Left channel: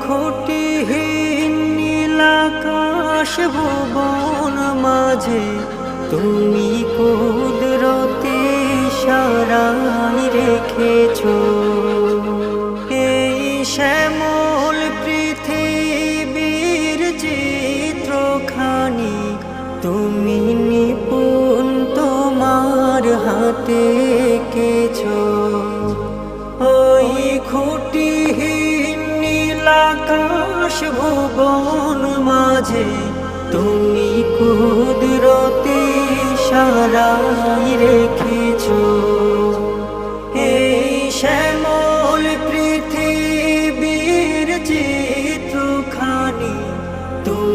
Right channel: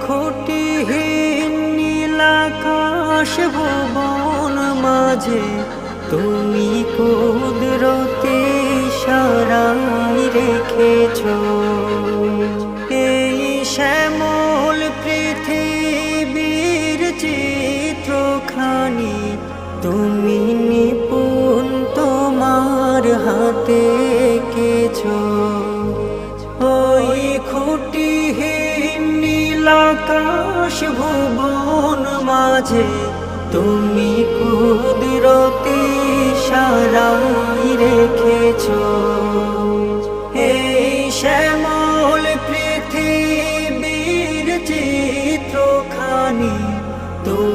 খুঁটিহীন নীলাকাশ ভুবন মাঝে তুমি কুদরতি ইশারায় রেখেছো এই শ্যামল পৃথিবীর চিত্রখানি তুমি নিপুণ তোমার হাতে এঁকেছো ওই খুঁটিহীন নীলাকাশ ভুবন মাঝে তুমি কুদরতি ইশারায় রেখেছো এই শ্যামল পৃথিবীর চিত্রখানি তুমি